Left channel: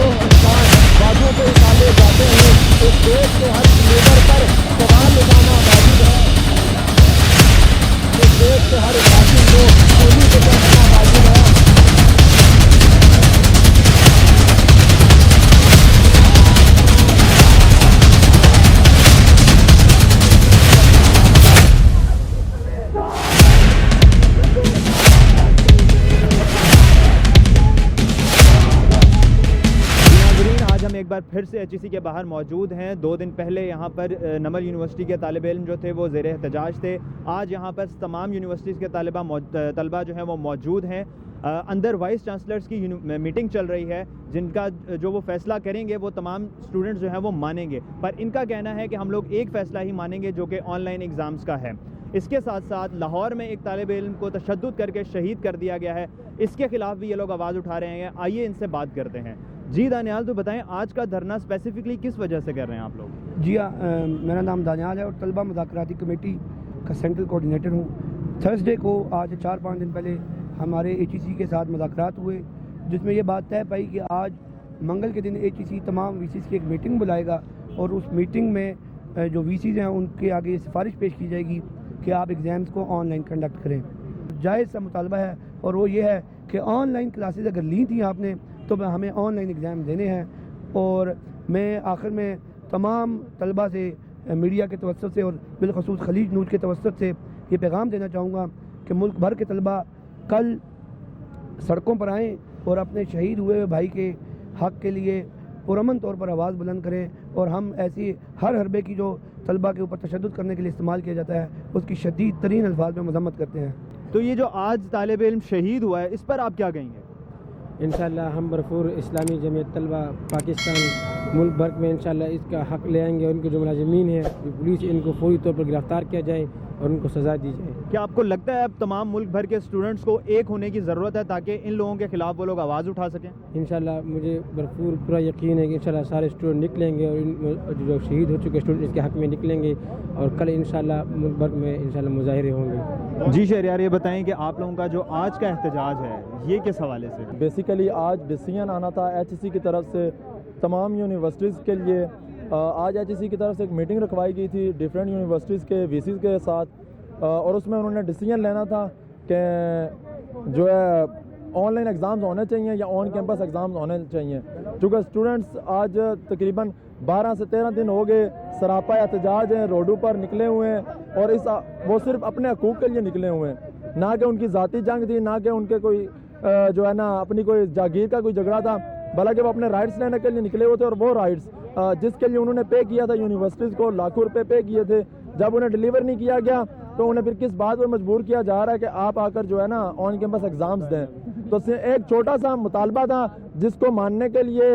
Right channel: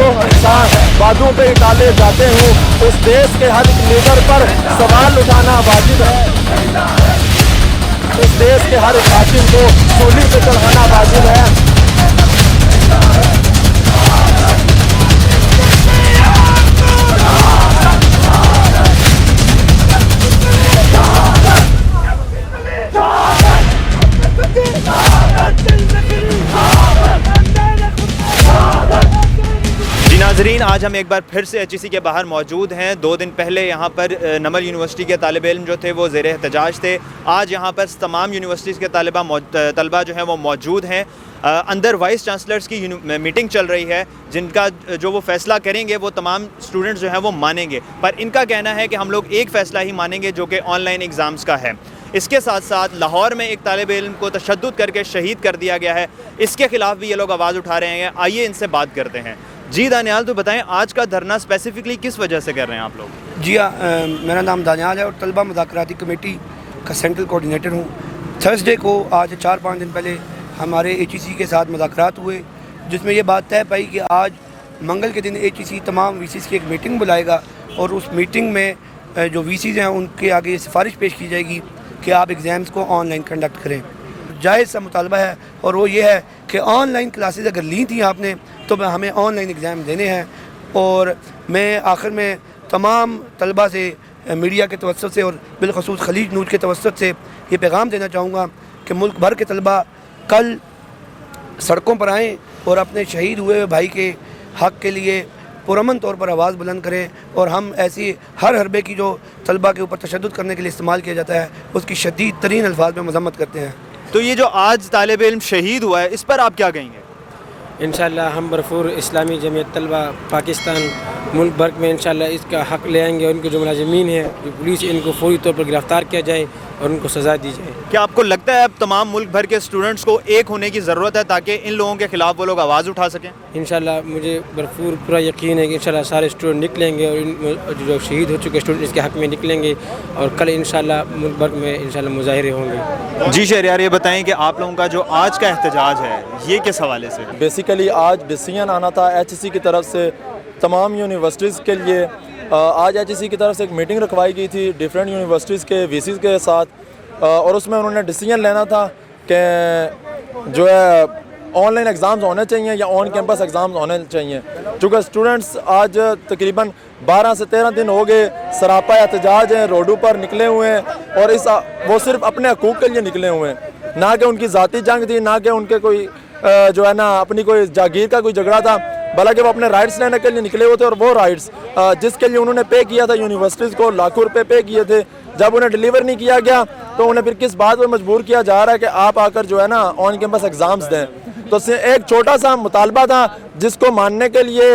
बाजू पे डाले जाते हैं। इस देश के हर लीडर पर सवाल उठाना वाजिब है, इस देश के हर कातिल को सूली पे चढ़ाना वाजिब है। नाज़रीन, आज हम एक बार फिर से HEC के बाहर मौजूद हैं। 2 दिन पहले यहाँ पर नमल यूनिवर्सिटी के तालिब इल्म जो थे वो ज़ेर एहतजाज थे। आज यहाँ पर तमाम यूनिवर्सिटीज़ के तलबा जो हैं वो मौजूद हैं। अंदर वाइस चांसलर्स की मीटिंग चल रही है, जिनका जो वो फ़ैसला करेंगे वो तमाम स्टूडेंट्स जो हैं वो मानेंगे। पर इनका कहना है कि हम लोग एक फ़ैसला ही मानेंगे जो कि ऑनलाइन एग्ज़ाम्स का है। इसके साथ साथ लाहौर में एक तालिब इल्म को तशद्दुद करके शहीद कर दिया गया है, इसके ख़िलाफ़ भी ये लोग आवाज़ उठा रहे हैं। आइए इनसे बात करते हैं। जी दानियाल, तो बताएं आज का धरना स्पेसिफिकली किस वजह से कर रहे हैं आप लोग? जी हाँ, मेरा नाम दानियाल है और तलबा मुज़ाकराती कमेटी का सेंट्रल कोऑर्डिनेटर हूँ। थर्सडे को आज 4-5 दिन पहले हमारे HEC के साथ मुज़ाकरात हुए, जिसमें ये बात तय पाई कि आज मंगल के दिन HEC तमाम VCs की एक मीटिंग बुलाएगा और उस मीटिंग में जो VCs हैं उनके आगे ये सिफारिश पेश की जाएगी कि आप एग्ज़ाम्स को ऑनलाइन कंडक्ट करें। जायज़ सा मुतालबा है और वो ये है कि ऑनलाइन क्लासेस अगर ली थी आपने तो हमें ऑनलाइन एग्ज़ाम देने हैं। और मैं आखिर में तमाम तलबा से मीडिया के तवस्सुत से और बिलखसूस खलीज न्यूज़ के तवस्सुत से ये पैगाम देना चाहूँगा कि मुल्क भर के तलबा कल सड़कों पर आएँ और अपने शहीद हुए भाई के हक़ के लिए पुरअमन तौर पर आवाज़ बुलंद करें। और हम ऐसी हर हरबे की जो तलबा के ऊपर तशद्दुद करने के लिए इस्तेमाल किया जाता है उसकी शदीद तरीन अल्फाज में मज़म्मत करते हैं। तो ये जो आज तालिब इल्म शहीद हुआ है, इस पर आप क्या कहेंगे? इंशाअल्लाह हम भरपूर इस्लामी जमीयत तलबा पाकिस्तान मुल्क भर में इंशाअल्लाह इसका हक़ ले आएंगे और इनके जो मुलाजिमीन हैं, जो पुलिस, इनको फौरी तौर पर गिरफ़्तार किया जाए और उनको सज़ा दी जाए। क्या आपको लगता है अब तमाम मुल्क भर के स्टूडेंट्स को एक होने की ज़रूरत है ताकि इन लोगों के ख़िलाफ़ वो लोग आवाज़ उठा सकें? इंशाअल्लाह मुझे भरपूर पूरा यकीन है कि इंशाअल्लाह सारे स्टूडेंट निकलेंगे और इन जो शहीद हो चुके स्टूडेंट इसके हक़ में निकलेंगे और कल इंशाअल्लाह मुल्क भर में इंशाअल्लाह मुज़ाहिरे होंगे। जी शहरियार, ये बताएं कि आप लोगों का जो आज का एहतजाज है ये किस हवाले से? बेसिकली आज डिसीजन आना था HEC की तरफ से तमाम यूनिवर्सिटीज़ के लिए। आज HEC की तरफ से एक मीटिंग रखवाई गई थी डिफरेंट यूनिवर्सिटीज़ के VCs के साथ और उसमें उन्होंने डिसीजन लेना था कि जो है ऑनलाइन एग्ज़ाम्स होने चाहिए या ऑन कैंपस एग्ज़ाम्स होने चाहिए। चूँकि स्टूडेंट्स आज तकरीबन 12 से 13 दिन हो गए सरापा एहतजाज हैं, रोडों पर निकले हुए हैं और वो सिर्फ अपने हकूक़ के लिए निकले हुए हैं, ना कि उनकी ज़ाती जंग थी, ना कि उनके कोई जो है ना अपनी कोई जागीर का कोई झगड़ा था, बल्कि वो अपने राइट्स लेने के लिए निकले हुए थे। और वो राइट्स जिसके लिए उन्होंने पे किया था यूनिवर्सिटीज़ को, लाखों रुपए पे किए थे, जब उन्हें डिलीवर नहीं किया गया तो उन्हें फिर किस बात पर मजबूर किया जा रहा है कि आप आकर जो है ना ऑन कैंपस एग्ज़ाम्स दें। तो एक छोटा सा मुतालबा था जिसको मानने के लिए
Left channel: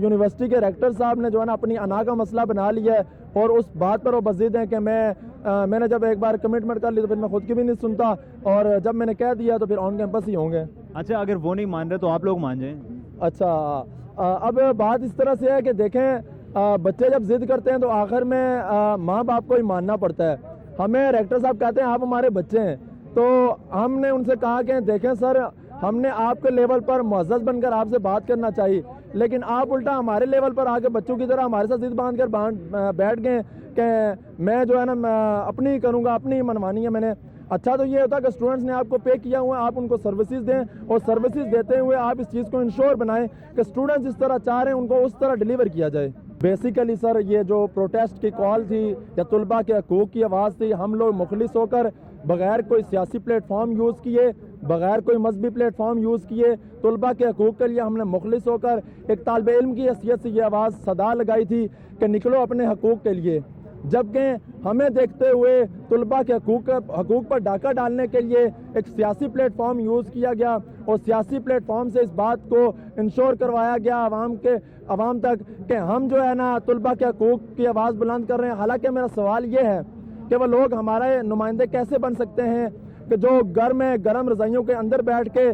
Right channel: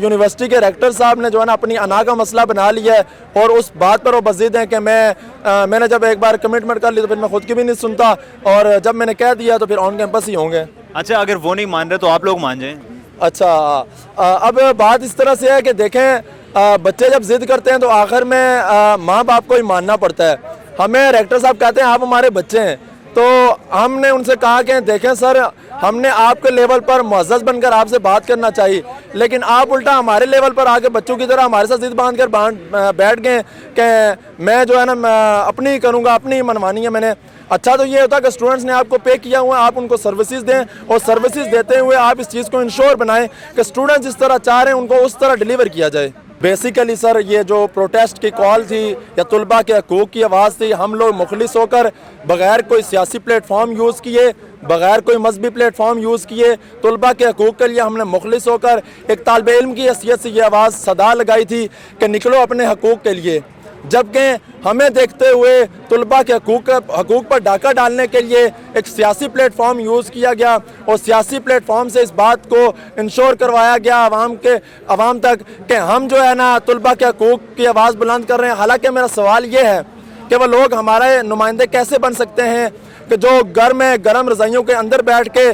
यूनिवर्सिटी के रेक्टर साहब ने जो है ना अपनी अना का मसला बना लिया है और उस बात पर वो बज़िद हैं कि मैंने जब एक बार कमिटमेंट कर ली तो फिर मैं खुद की भी नहीं सुनता और जब मैंने कह दिया तो फिर ऑन कैंपस ही होंगे। अच्छा, अगर वो नहीं मान रहे तो आप लोग मान जाएं? अच्छा, अब बात इस तरह से है कि देखें बच्चे जब ज़िद करते हैं तो आखिर में माँ बाप को ही मानना पड़ता है। हमें रेक्टर साहब कहते हैं आप हमारे बच्चे हैं, तो हमने उनसे कहा कि देखें सर, हमने आपके लेवल पर मुअज़्ज़ज़ बनकर आपसे बात करना चाहिए, लेकिन आप उल्टा हमारे लेवल पर आके बच्चों की तरह हमारे साथ ज़िद बांध कर बैठ गए कि मैं जो है ना अपनी ही करूँगा, अपनी ही मनमानी है मैंने। अच्छा, तो ये होता है कि स्टूडेंट्स ने आपको पे किया हुआ है, आप उनको सर्विसेज दें और सर्विसेज देते हुए आप इस चीज़ को इंश्योर बनाएं कि स्टूडेंट्स जिस तरह चाह रहे हैं उनको उस तरह डिलीवर किया जाए। बेसिकली सर, ये जो प्रोटेस्ट की कॉल थी या तलबा के हकूक़ की आवाज़ थी, हम लोग मुखलिस होकर बग़ैर कोई सियासी प्लेटफॉर्म यूज़ किए, बग़ैर कोई मजहबी प्लेटफॉर्म यूज़ किए, तलबा के हकूक़ के लिए हमने मुखलिस होकर एक तालिब इल्म की हैसियत से ये आवाज़ सदा लगाई थी कि निकलो अपने हकूक़ के लिए। जबकि हमें देखते हुए तलबा के हकूक़ पर डाका डालने के लिए एक सियासी प्लेटफॉर्म यूज़ किया गया और सियासी प्लेटफॉर्म से इस बात को इंश्योर करवाया गया आवाम तक कि हम जो है ना तलबा के हकूक़ की आवाज़ बुलंद कर रहे हैं। हालांकि मेरा सवाल ये है कि वो लोग हमारे नुमाइंदे कैसे बन सकते हैं कि जो घर में गर्म रज़ाइयों के अंदर बैठ के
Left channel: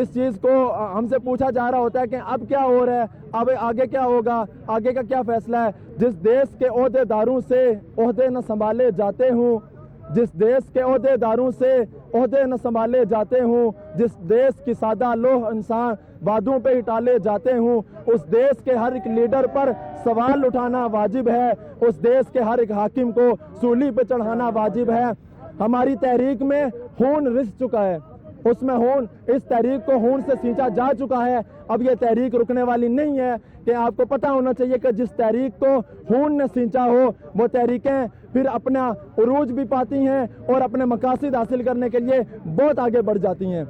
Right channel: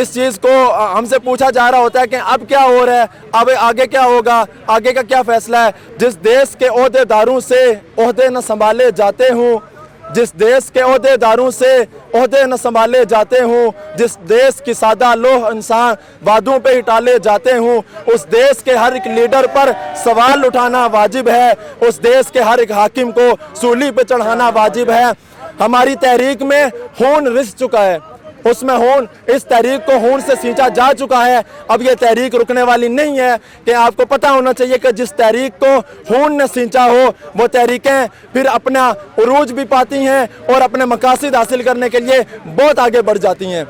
इस चीज़ को हमसे पूछा जा रहा होता है कि अब क्या हो रहा है, अब आगे क्या होगा, आगे का क्या फ़ैसला है। जिस देश के ओहदेदारों से ओहदे न संभाले जाते हूँ, जिस देश के ओहदेदारों से ओहदे न संभाले जाते हूँ, जिस देश की सादा लोह इंसान वादों पे ही टाले जाते हूँ, उस देश के हर एक लीडर पर सवाल उठाना वाजिब है, उस देश के हर एक हाकिम को सूली पे चढ़ाना वाजिब है। हमारी तहरीक में खून रिस चुका है, उसमें खून, इस तहरीक को खून से सींचा जा चुका है। अब ये तहरीक रुकने वाली नहीं है कि आपको पता होना चाहिए कि जिस तहरीक को खून ने सींचा हो वो तहरीकें फिर अपना उरूज भी पाती हैं और अपने मकासद हासिल करने के लिए बहुत आगे बढ़ जाती हैं।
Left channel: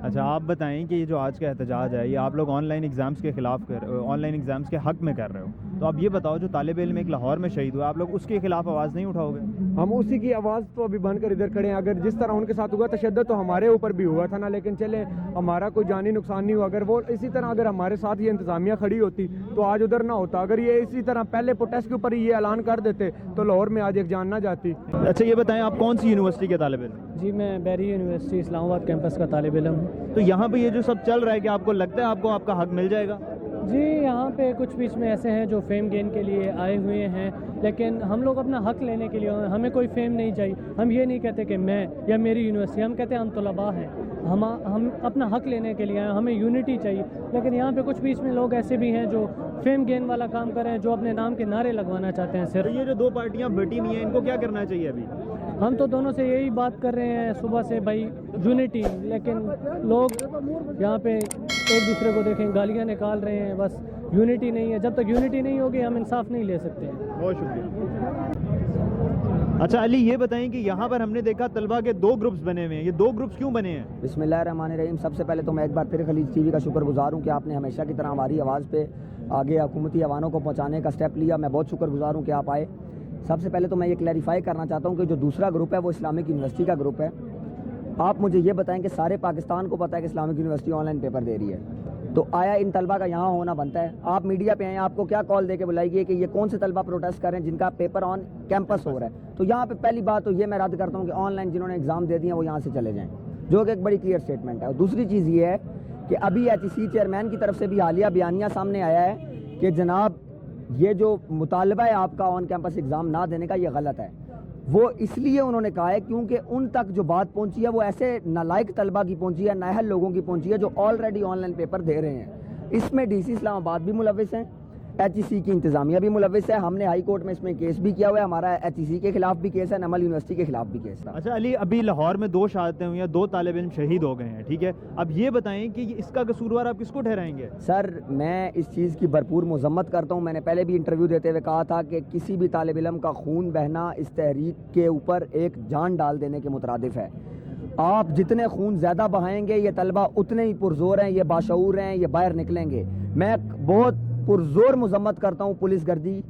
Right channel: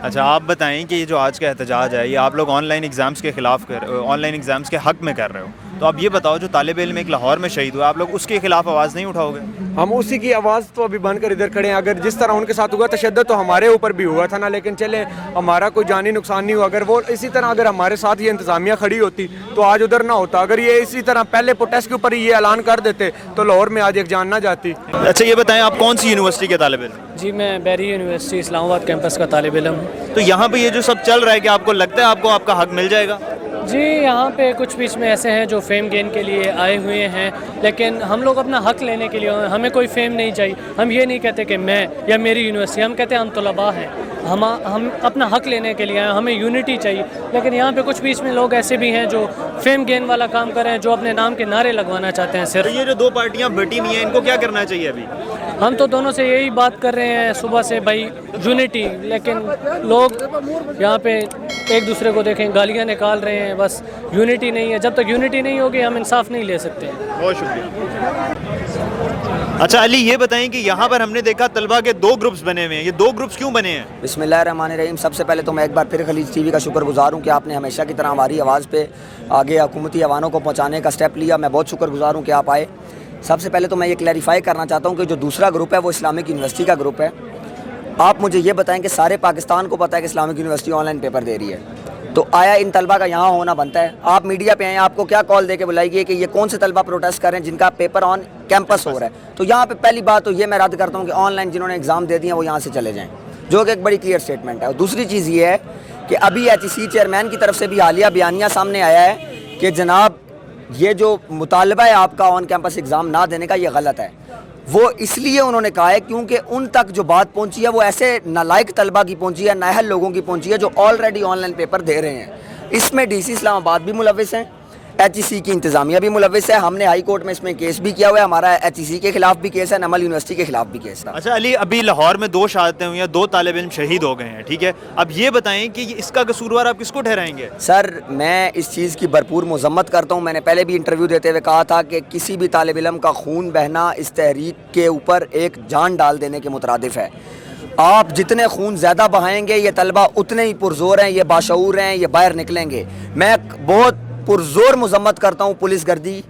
अच्छा, आप बताएं कि ये जो आज का एहतजाज है ये आप लोग ऑनलाइन एग्ज़ाम्स के ख़िलाफ़ ऑनलाइन एग्ज़ाम्स के हक़ में कर रहे हो, तो अब ये बताओ जो तालिब इल्म एक लाहौर में शहीद हुआ, आप लोग उसके खिलाफ आवाज़ नहीं उठाओगे? हम उसी की आवाज़ तो अभी बन कर इधर खड़े हैं। अगर जिस तरह उनके साथ हुआ तशद्दुद तो हमारे ऊपर भी हुआ था ना, लेकिन चले हमारा कोई जानी नुकसान नहीं हुआ। अगर वो इसी तरह अगर हमारे साथ ये इंतज़ामिया खड़ी होती तो आज उधर ना होता। अगर ये इसी तरह पहले प्रोटेस्ट के ऊपर ही ये ऐलान कर देते तो लाहौर में आज एक जान ना जाती। अच्छा, ये बताएं आप कौन सी यूनिवर्सिटी के तालिब इल्म? जी, मैं बैरी यूनिवर्सिटी इस्लामाबाद कैंपस का तालिब इल्म हूँ। तो यहाँ पे ये जो सब चल रहा है, कि आपको लगता है आपको आपका हक़ मिल जाएगा? जी, यहाँ पे कुछ बीच में ऐसे हैं जो फेम गेन के लिए आए हुए हैं, लेकिन हम लोग अपना हक़ लेने के लिए, हमें कोई फेम नहीं चाहिए। हम ये नहीं कहते कि मैं या मेरी यूनिवर्सिटी, हम कहते हैं हम तलबा हैं, हम अपना हक़ लेने के लिए आए, हमें यूनिटी चाहिए। लेकिन यहाँ पे कुछ बीच में लोग ऐसे भी हैं जो फेम गेन वाला काम कर रहे हैं, जो अपने नाम के नारे लगवाना चाहते हैं सिर्फ। तो ये जो दो पार्टियाँ बटी हुई हैं, इनको क्या करना चाहिए अभी? हम तो दोनों से यही बात कर रहे हैं सुबह से, भाई यूनिटी, लेकिन लोग यहाँ पे एक दूसरे को देखें गालियाँ निकाल रहे हैं, बस यूनिटी नहीं है। जब तक यूनिटी नहीं होगी हम इंसाफ नहीं ले सकते हैं। बहुत शुक्रिया। अच्छा अली, ये बताएं कि यहाँ पर हमने देखा तलबा के दो ग्रुप्स बने हुए हैं, ये दो ग्रुप्स क्यों बने हैं? बिस्मिल्लाहिर्रहमानिर्रहीम। सबसे पहले तो मैं एक बार फिर खलीज टीवी का शुक्रगुजार हूँ कि आपने हमेशा की तरह हमारी आवाज़ पे आगे हुकूमती ऐवानों को पहुँचाने का स्टेप लिया। मैं बहुत शुक्रगुजार हूँ कि आप आए। सबसे पहले तो मैं ये क्लैरिफाई करना चाहता हूँ कि जो दूसरा ग्रुप है वो इस्लामिक यूनिवर्सिटी का ग्रुप है। आप मुझे ये बताएं कि सारे पाकिस्तान को पता है कि इस्लामिक यूनिवर्सिटी ऑनलाइन पेपर दे रही है, तो आया इन तलबा का यहाँ होना बनता है? आप मीडिया पे आए, आपको क्या कॉल दे के बुलाई गई कि ये कौन से तलबा प्रोटेस्ट कर रहे हैं जिनका पेपर ऑन कैंपस हो रहा है? तो यहाँ पे पहली बात तो ये मैं रद्द करता हूँ कि ऑनलाइन जिन्होंने एग्ज़ाम दे दिए वो यहाँ से चले जाएँ, जो कि एक बड़ी क्लियर स्टेटमेंट है। और दूसरी चीज़ ये है कि अभी HEC चेयरमैन की तरफ से भी हालिया बयानिया सामने आया है कि जनाब ये जो मुतालबा है आपका ऑन कैंपस एग्ज़ाम ना देने का, ये गलत है। वो इसलिए उन्होंने कहा है क्योंकि उन तक जो बात पहुंची है वो ऐसे नालायक तलबा की पहुंची है, नाअहल लोगों की पहुंची है जो ऑलरेडी ऑनलाइन पेपर दे रहे हैं। इसमें DC इस्लामाबाद भी मुलविस हैं, HEC की इंतज़ामिया भी मुलविस है। हमने हाई कोर्ट में इसमें केस भी किया हुआ है, हमारा HEC के खिलाफ भी केस है, नमल यूनिवर्सिटी के खिलाफ भी केस था। अच्छा अली, अभी लाहौर में दो शहादतें हुई हैं, दो तालिब इल्म शहीद हो गए हैं, ठीक है? अब ये बताएं कि इसका कसूरवार आप किसको ठहराएंगे? सर, मैं इस चीज़ की भरपूर मज़म्मत करता हूँ। मैंने पहले भी इंटरव्यू देते हुए कहा था कि किसी भी तालिब इल्म का खून बहना इस तहरीक के ऊपर एक जान डाल देने के मुतरादिफ है। आप जितने खून ज़्यादा बहाएंगे ये तलबा उतने ही पुरजोर हैं, ये बाशऊर हैं, ये बाहर निकलेंगे। मैं बहुत पुरजोर मजम्मत करता हूँ पुलिस गर्दी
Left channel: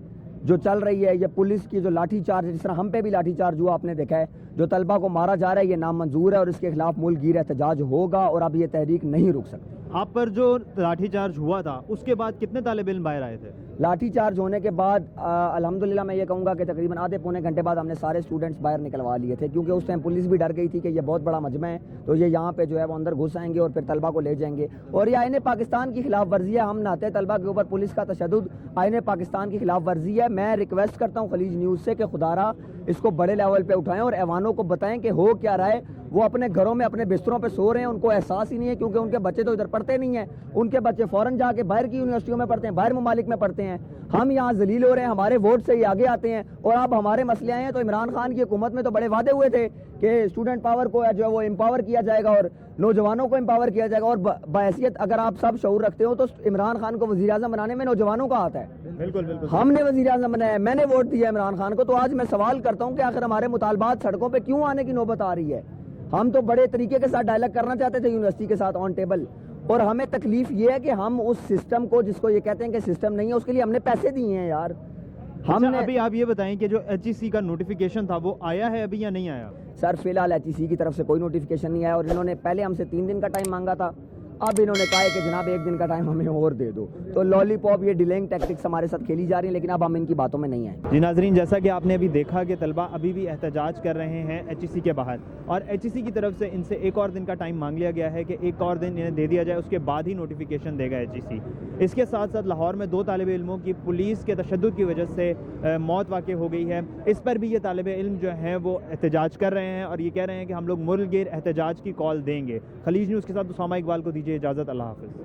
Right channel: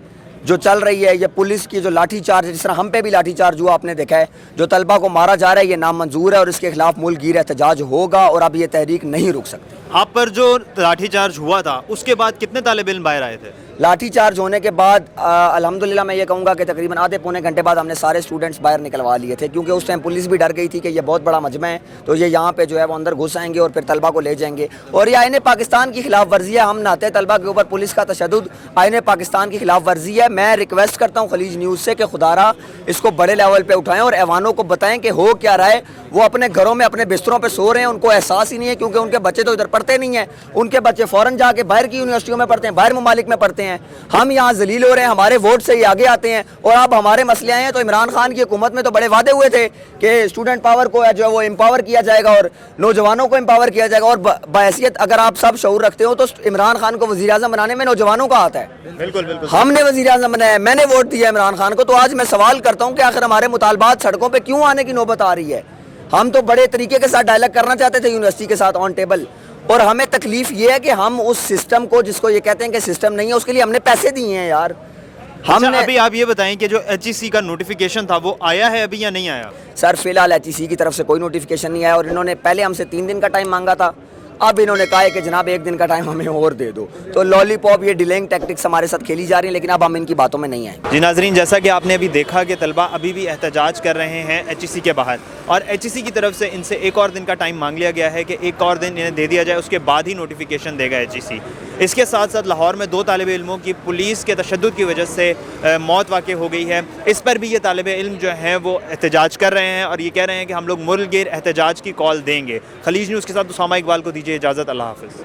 जो चल रही है, ये पुलिस की जो लाठी चार्ज, जिस तरह हम पे भी लाठी चार्ज हुआ आपने देखा है, जो तलबा को मारा जा रहा है ये नामंजूर है और इसके खिलाफ मुल्कगीर एहतजाज होगा और अब ये तहरीक नहीं रुक सकती। आप पर जो लाठी चार्ज हुआ था उसके बाद कितने तालिब इल्म बाहर आए थे? लाठी चार्ज होने के बाद अल्हम्दुलिल्लाह मैं ये कहूँगा कि तकरीबन आधे पौने घंटे बाद हमने सारे स्टूडेंट्स बाहर निकलवा लिए थे, क्योंकि उस टाइम पुलिस भी डर गई थी कि ये बहुत बड़ा मजमा है, तो ये यहाँ पे जो है वो अंदर घुस आएंगे और फिर तलबा को ले जाएंगे। और ये आईने पाकिस्तान की खिलाफ वर्जी है। हम नहाते तलबा के ऊपर पुलिस का तशद्दुद आईने पाकिस्तान की खिलाफ वर्जी है। मैं रिक्वेस्ट करता हूँ खलीज न्यूज़ से कि खुदारा इसको बड़े लेवल पर उठाएँ और ऐवानों को बताएँ कि हो क्या रहा है। वो अपने घरों में अपने बिस्तरों पर सो रहे हैं, उनको एहसास ही नहीं है, क्योंकि उनके बच्चे तो इधर पढ़ते नहीं हैं, उनके बच्चे फ़ौरन जाके बाहर की यूनिवर्सिटियों में पढ़ते हैं, बाहर ममालिक में पढ़ते हैं। हम यहाँ जलील हो रहे हैं, हमारे वोट से ही आगे आते हैं और आप हमारे मसले आए हैं। तो इमरान खान की हुकूमत में तो बड़े वादे हुए थे कि स्टूडेंट पावर को जो है वो एम्पावर किया जाएगा और नौजवानों को एम्पावर किया जाएगा। और बहैसियत अगर आप सब शऊर रखते हो तो इमरान खान को वज़ीर आज़म बनाने में नौजवानों का हाथ है। बिल्कुल बिल्कुल, हमने वज़ीर आज़म बनाया, मैंने वोट दिया इमरान खान को। तो आज मैं सवाल करता हूँ कि आखिर हमारे मुतालबात सड़कों पर क्यों आने की नौबत आ रही है? हम तो बड़े तरीके के साथ डायलॉग करना चाहते थे यूनिवर्सिटी के साथ ऑन टेबल, और हमें तकलीफ ये है कि हम उस सिस्टम को, जिसको ये कहते हैं कि सिस्टम नहीं है, उसके लिए हमने पैसे दिए हैं यार। हमने अभी आप ये बताएं कि जो HEC का नोटिफिकेशन था वो आया है अभी या नहीं आया? सर फिलहाल HEC की तरफ से कोई नोटिफिकेशन नहीं आया और इन्होंने पहले हमसे 3 दिन का टाइम मांगा था, اب انہوں نے کہا ہے کہ جناب 1 دن کا ٹائم ہمیں اور دے دو. تو لالی پاپ یہ ڈیلینگ ٹیکٹکس ہمارے ساتھ کھیلی جا رہی ہیں, لیکن اب ہم ان کی باتوں میں نہیں آئیں. جی ناظرین, جیسا کہ آپ نے ابھی دیکھا کہ طلبہ ابھی بھی احتجاج کر رہے ہیں HEC کے باہر, اور HEC کی طرف سے ان سے 1 اور دن کا ٹائم مانگ لیا گیا ہے کہ 1 اور دن انہیں دے دیا جائے, اس کے بعد ہی نوٹیفیکیشن دے گا HEC. اس کے ساتھ ساتھ لاہور میں 2 طالب علموں کی پولیس کے تشدد کی وجہ سے موت واقع ہو گئی ہے. اس پر بھی یہ طالب علم جو ہیں وہ احتجاج کر رہے ہیں اور یہ کہہ رہے ہیں کہ ہم لوگ ملک گیر احتجاج کی کال دیں گے. خلیج نیوز کے ساتھ اسامہ اقبال کو دیجیے اجازت. اللہ حافظ.